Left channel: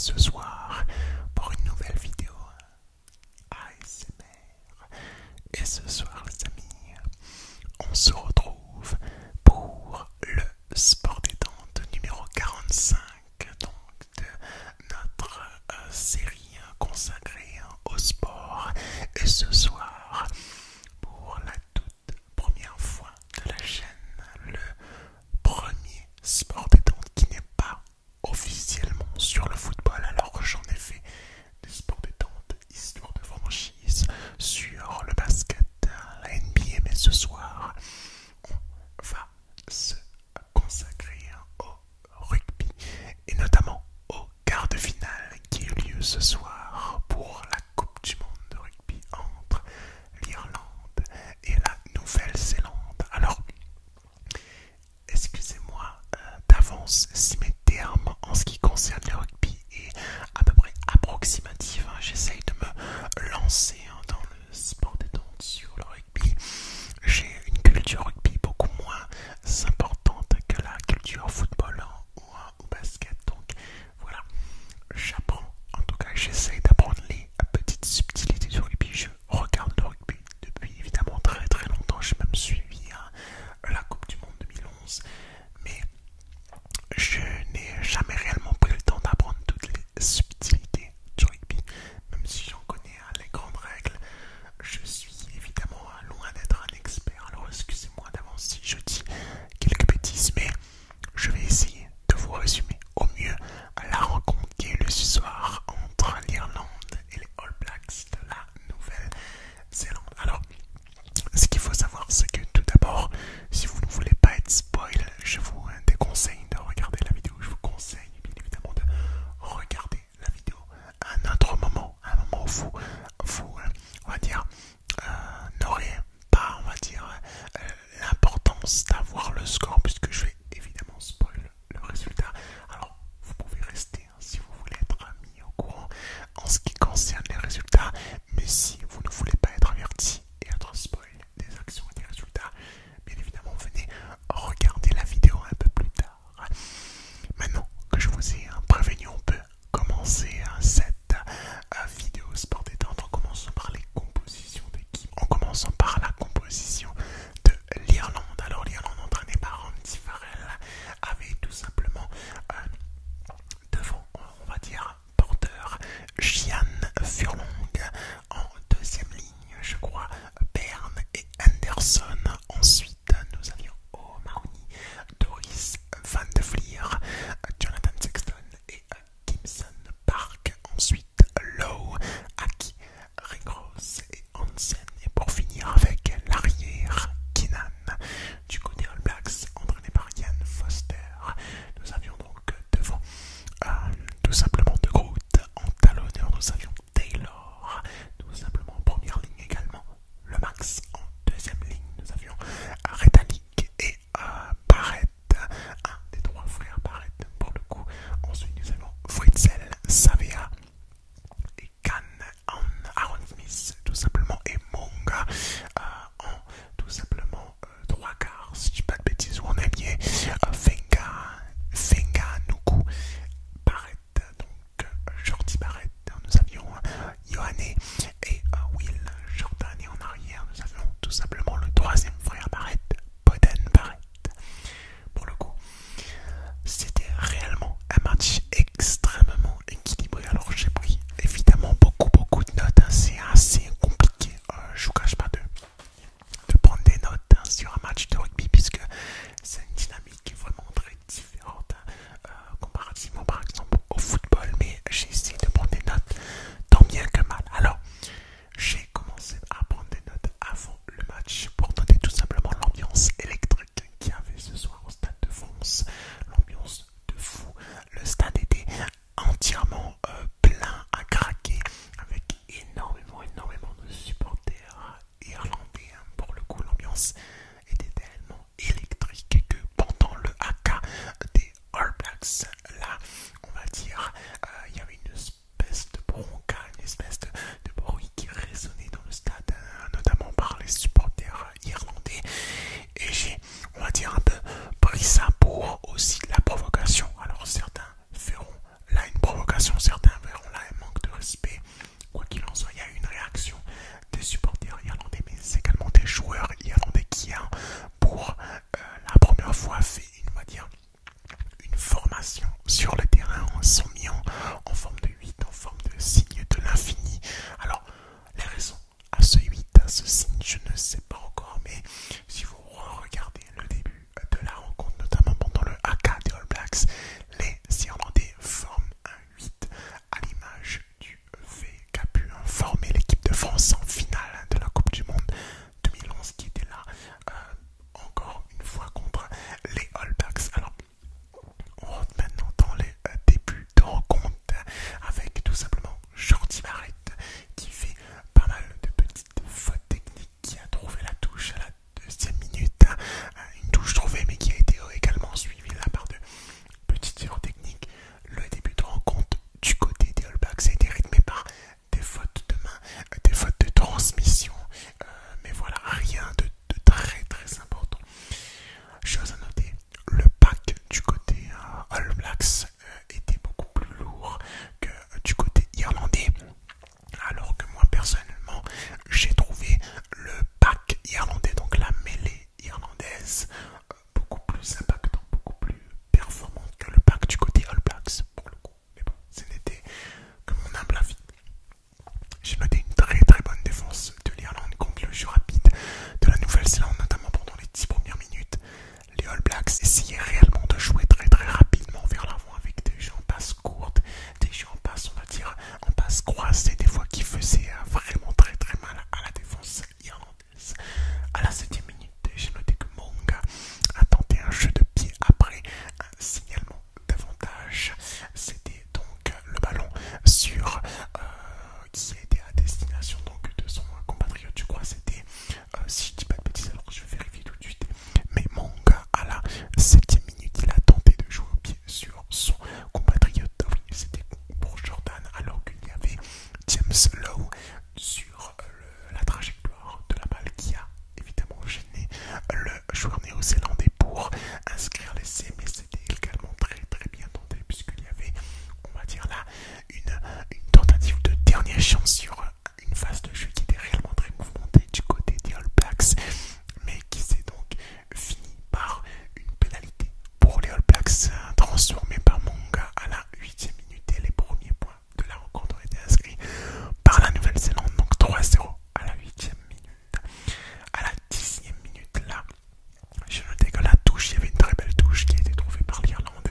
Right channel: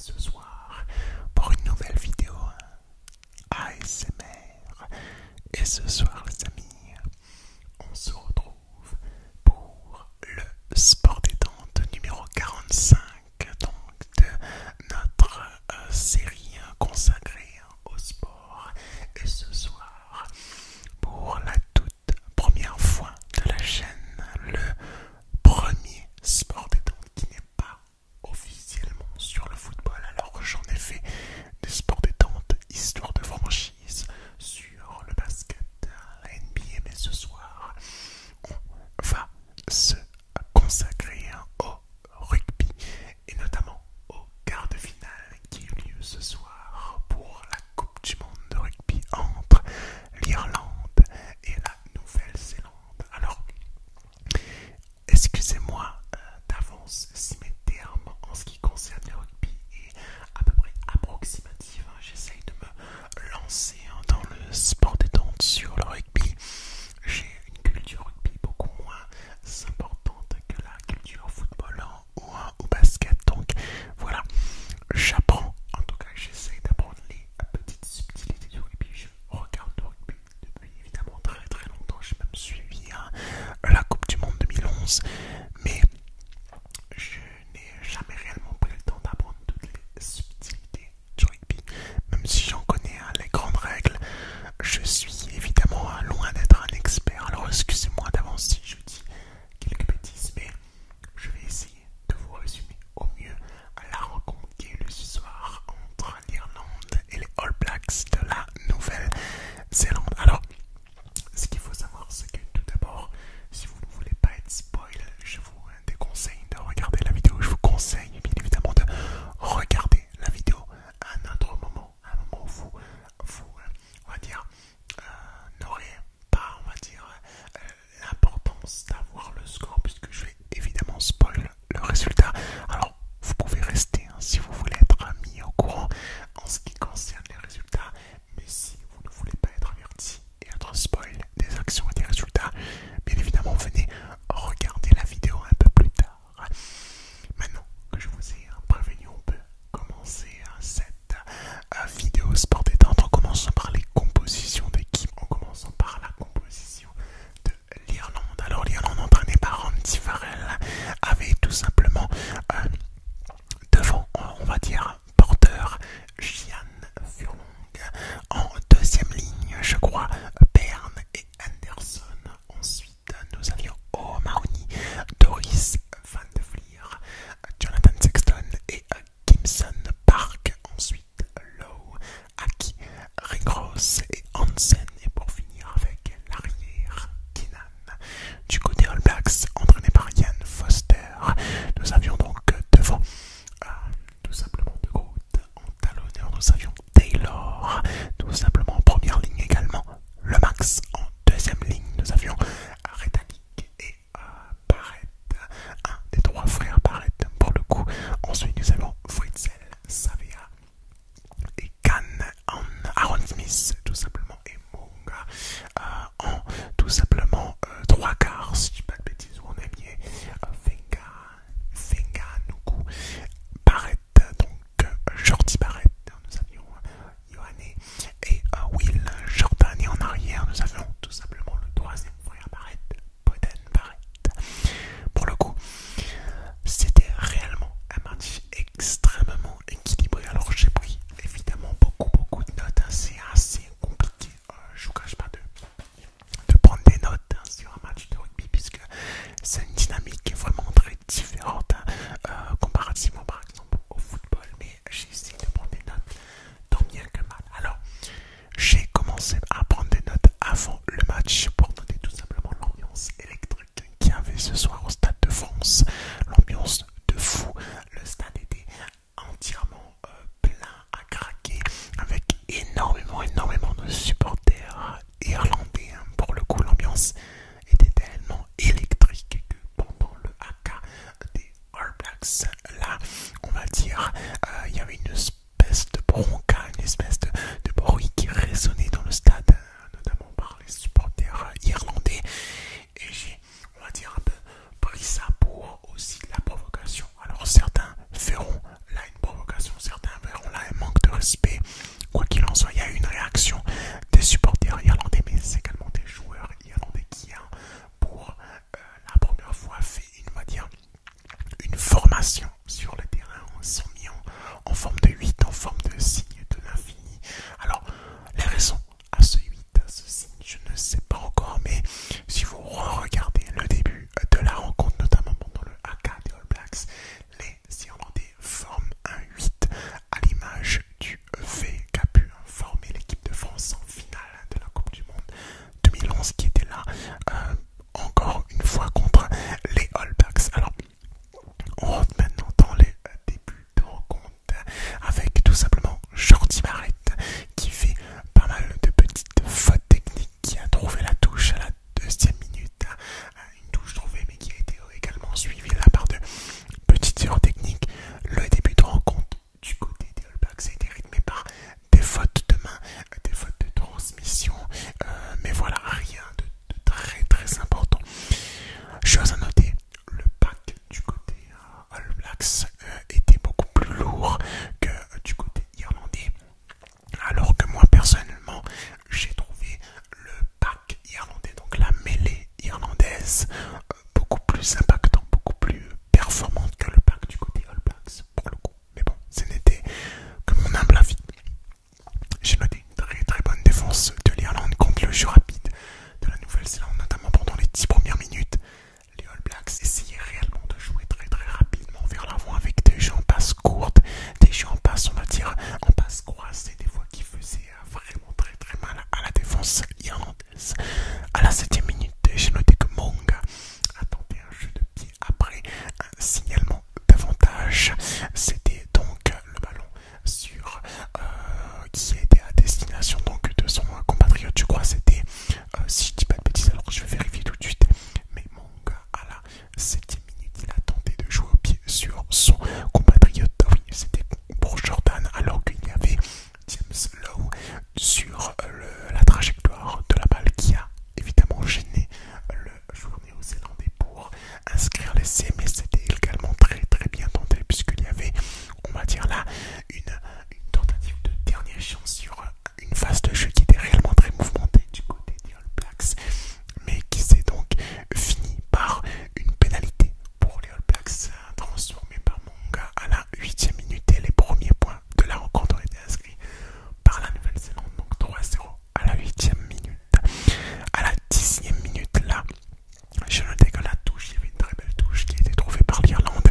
ce soir pour une nouvelle vidéo ASMR. Et ce soir les amis, on se retrouve pour le sport détente numéro 45 donc de notre série consacrée au sport. Et ce soir, pour la toute première fois de la chaîne, le premier sport détente qui n'est pas officiellement sur le football. Alors j'en ai fait des sports détente, histoire de franchise, sur le basket, la NBA, mais ce soir on va se consacrer au rugby et notamment au quart de finale qui a eu lieu ce soir pour la Coupe du Monde de rugby entre l'Irlande et la Nouvelle-Zélande. Alors, excusez-moi d'avance si mes termes en ce qui concerne le rugby est à peu près approximatif. J'essaye de me lancer dans le sport détente sur le rugby. J'ai une culture rugby beaucoup moins importante que la culture football ou basket. Donc voilà, j'apprends, en tout cas j'essaye d'apprendre les petites subtilités du rugby. Je regarde le rugby depuis évidemment très très longtemps. J'ai même suivi la Coupe du Monde 2011, mais je n'ai jamais réellement pris le temps d'apprendre toutes les subtilités du rugby, même si j'en connais les grandes règles. Je suis évidemment loin d'être un expert, alors excusez-moi d'avance si je dis quelques bêtises, mais je vais essayer de vous résumer au mieux la rencontre qui a eu lieu ce soir entre l'Irlande et les All Blacks de la Nouvelle-Zélande. Alors, ce qu'il faut savoir, c'est que tout d'abord, si vous ne voulez pas être spoil, je vous déconseille de regarder la vidéo. Je vous conseille bien évidemment de regarder la vidéo à un autre moment, à un moment où vous on va dire, n'aurez pas, on va dire, l'importance d'avoir le score, puisque je vais évidemment spoil le résultat. Alors, vous pouvez rester si vous voulez être mis au courant en ce qui concerne les résultats, mais si vous ne voulez pas être averti et être spoil des actions et des résultats, bien évidemment venez regarder la vidéo un peu plus tard. Maintenant que je vous ai prévenu, on peut commencer cette vidéo sport détente en commençant par les compositions d'équipe, en commençant par la composition de l'Irlande. Alors l'Irlande, entraînée par Andy Farrell, avait tout simplement devant, on va dire, porteur Gian Furlong, en deuxième ligne, je crois, Bern et Anderson. Ensuite, nous avions O'Mahony, Doris Van de Vlier, Jonathan Sexton et Gibson Park. Ensuite, Lowe, Aki, Ringross et Hansen. Et pour finir avec l'arrière, Keenan. Du côté All Blacks, entraîné par Ian Foster, nous avions donc devant tout simplement de pression sur une phase de jeu qui était réellement très mouvementée du côté des All Blacks, mais qui s'est donc fini par une pénalité pour les All Blacks, transformée par Monga à la 8e minute, et les premiers points de la rencontre ont été inscrits par la Nouvelle-Zélande, donc 3-0 à la 8e minute. À la 10e minute, là, je notais que la touche, il y avait une très belle touche qui a été trouvée par l'Irlande,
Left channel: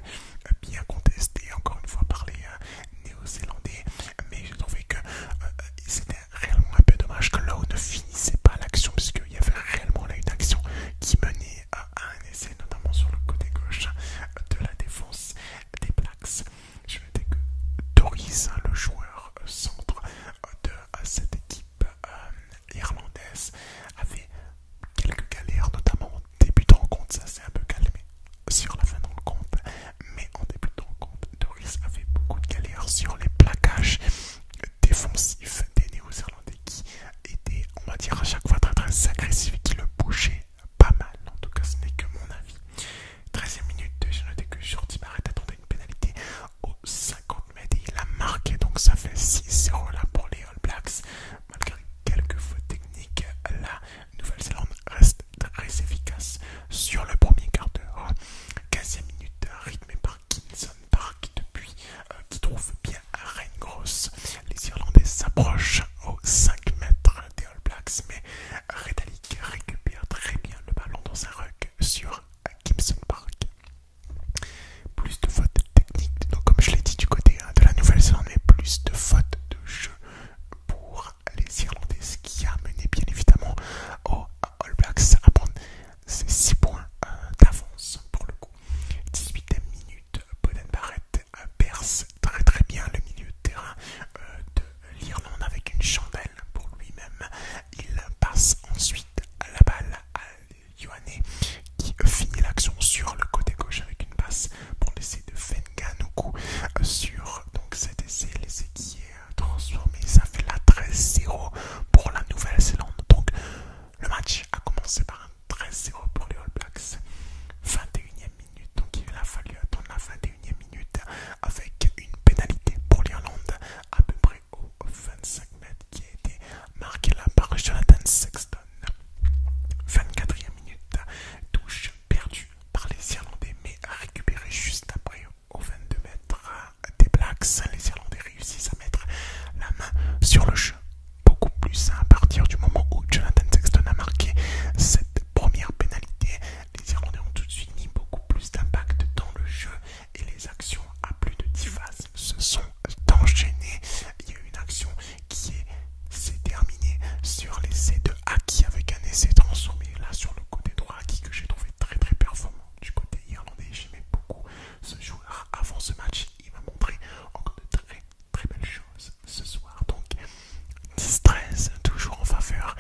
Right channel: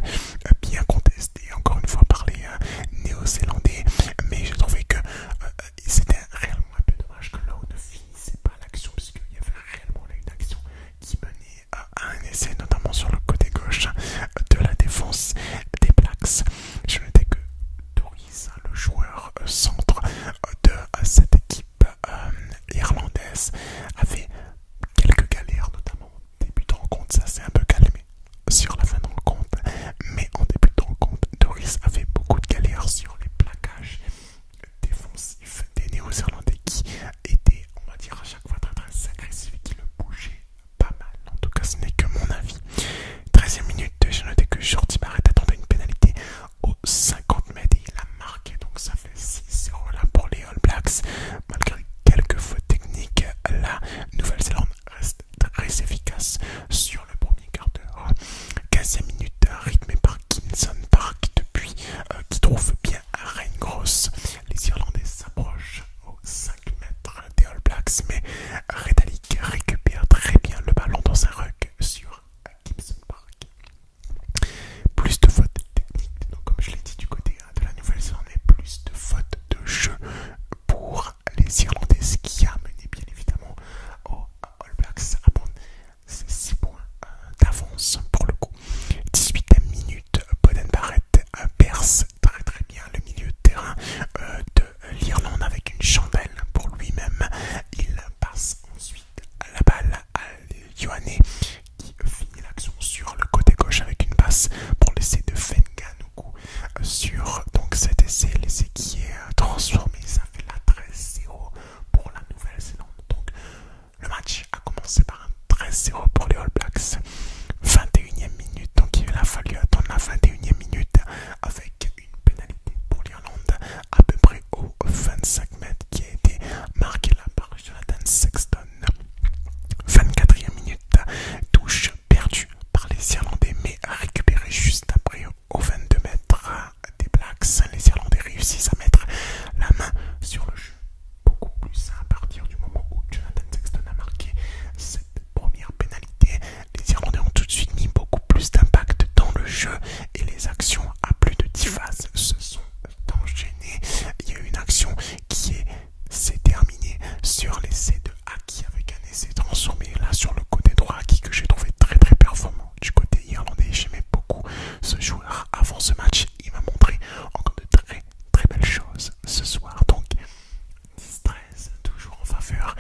bien contestée encore une fois par les Néo-Zélandais, mais j'ai trouvé que c'était réellement un peu dommage que Lowe ne finissait pas l'action, puisqu'il y avait réellement là une action qui menait à un essai, notamment sur le côté gauche de la défense des Blacks. Je notais que Doris, le joueur centre de cette équipe irlandaise, avait quelques galères, notamment en début de rencontre. Ça s'est un peu calmé sur la fin de rencontre, mais en début de rencontre, Doris avait beaucoup de galères sur les plaquages défensifs des Néo-Zélandais, qui étaient, on va dire, à chaque fois très très agressifs et qui le bougeaient pas mal. En tout cas, ce n'est que mon avis. 13e minute, j'ai noté que Jordi Barrett attendait une pénalité aux 50 mètres et il a marqué, donc ça fait 6-0 là pour les All Blacks. Malgré quelques fautes techniques, la Nouvelle-Zélande reste très efficace sur le premier quart d'heure. 15e minute, rythmée par Gibson Park depuis qui trouve bien Reine Grosse. Les Irlandais s'approchent aux 5 mètres des All Blacks, mais Redalic récupère très bien le ballon dans un ruck sur Gibson Park. Plus de fautes techniques, donc comme je l'ai dit du côté de la Nouvelle-Zélande, mais plus de fautes de jeu pour les Irlandais, ce qui a mené bien évidemment aux All Blacks à prendre ces 6 points d'avance pour le coup. 18e minute, Beauden Barrett perce très très bien le milieu de terrain de l'Irlande avec une chandelle pour lui-même. Il passe ensuite la balle à Ioane qui finit l'action sur le côté gauche avec une passe pour l'essai de Fenganuku sur donc cet essai, l'essai qui est transformé. Ça fait la 13-0 pour la Nouvelle-Zélande. Donc le match a commencé par un 13-0 pour les All Blacks. 21e minute, donc il a fallu attendre la 21e minute avec une pénalité pour l'Irlande à peu près aux 25 mètres qui a été marquée là par Jonathan Sexton. 24e minute, touche perdue par les Irlandais mais récupérée juste après aux 22 mètres des Blacks. Les Irlandais réussissent à mettre la main sur le jeu beaucoup plus à partir du moment où Jonathan Sexton a marqué cette première pénalité. Les Irlandais ont tout de suite mis beaucoup plus d'impact dans le jeu et les actions à plus de 10 phases se sont enchaînées. Il y a eu une action qui s'est terminée sur l'essai de Haki avec un essai transformé là sur le côté droit, Haki que j'ai trouvé très très performant du côté irlandais. J'aimais beaucoup ce joueur avant ce match. Il m'a montré encore de très très belles choses ce soir. Donc 10-13, toujours en faveur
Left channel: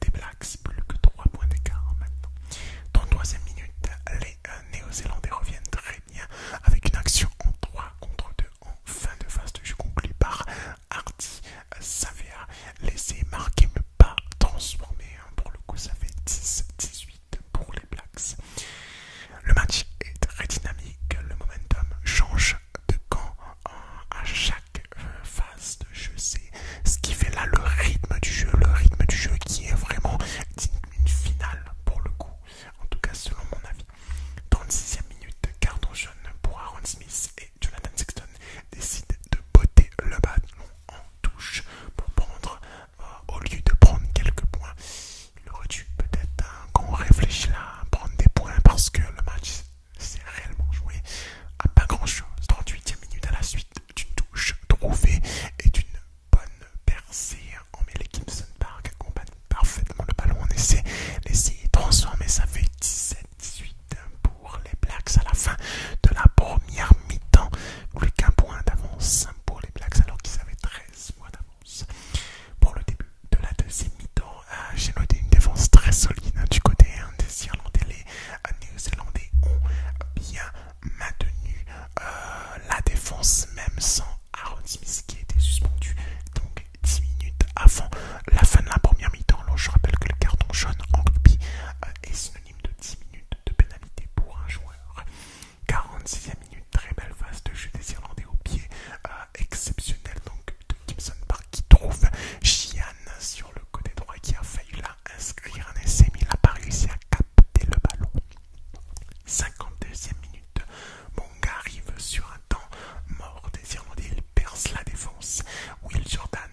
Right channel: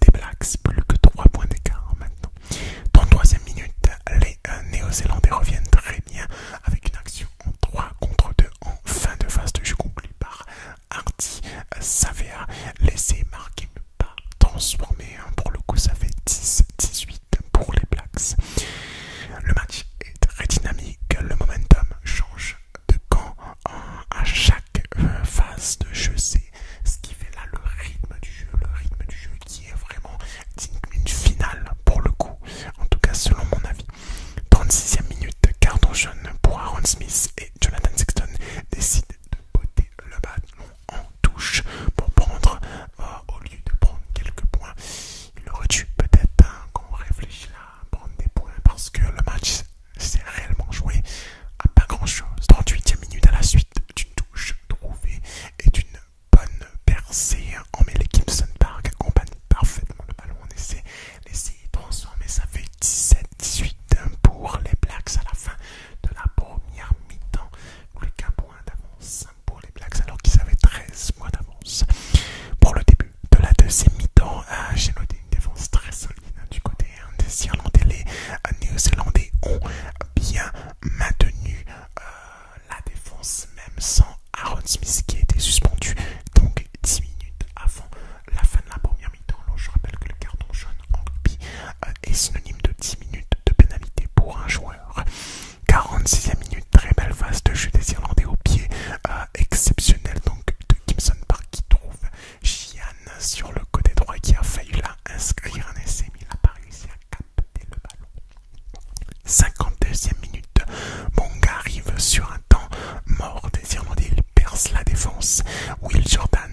des Blacks, plus que 3 points d'écart maintenant. 33e minute, les Néo-Zélandais reviennent très bien avec une action en 3 contre 2 en fin de phase de jeu conclue par Hardy Savea. L'essai marqué mais pas transformé. Pour le coup, ça fait 10-18 pour les Blacks. Le match est très dynamique, le momentum change de camp à chaque phase de jeu. C'est ce qui fait là le rythme du jeu qui est vraiment une finale pour le coup, en tout cas selon mon avis. 36e minute, carton jaune pour Aaron Smith et Jonathan Sexton décident de botter le ballon en touche pour prendre, au lieu de prendre quelques points, il aurait dû peut-être, quand on réfléchit là, prendre des points parce que le match s'est réellement joué à pas grand chose. 38e minute, à la suite d'une touche trouvée et d'une bonne percée en mêlée, Gibson Park accompagne parfaitement le ballon en essai. L'essai est transformé, ça fait 17-18 pour les Blacks à la fin de la première mi-temps. Plus qu'un point d'avance pour les Blacks alors qu'ils avaient 13 points d'avance. Pour le début de la deuxième mi-temps, j'ai noté une défense très solide du côté des Irlandais. Les Néo-Zélandais ont bien maintenu la défense même sans Aaron Smith qui a été suspendu donc 10 minutes avant la fin de la première mi-temps. Alors je rappelle que le carton jaune en rugby est synonyme de 10 minutes de pénalité pour un joueur. 46e minute, très belle phase de jeu des Irlandais au pied exceptionnel donc de Gibson Park qui trouve France, Will Jordan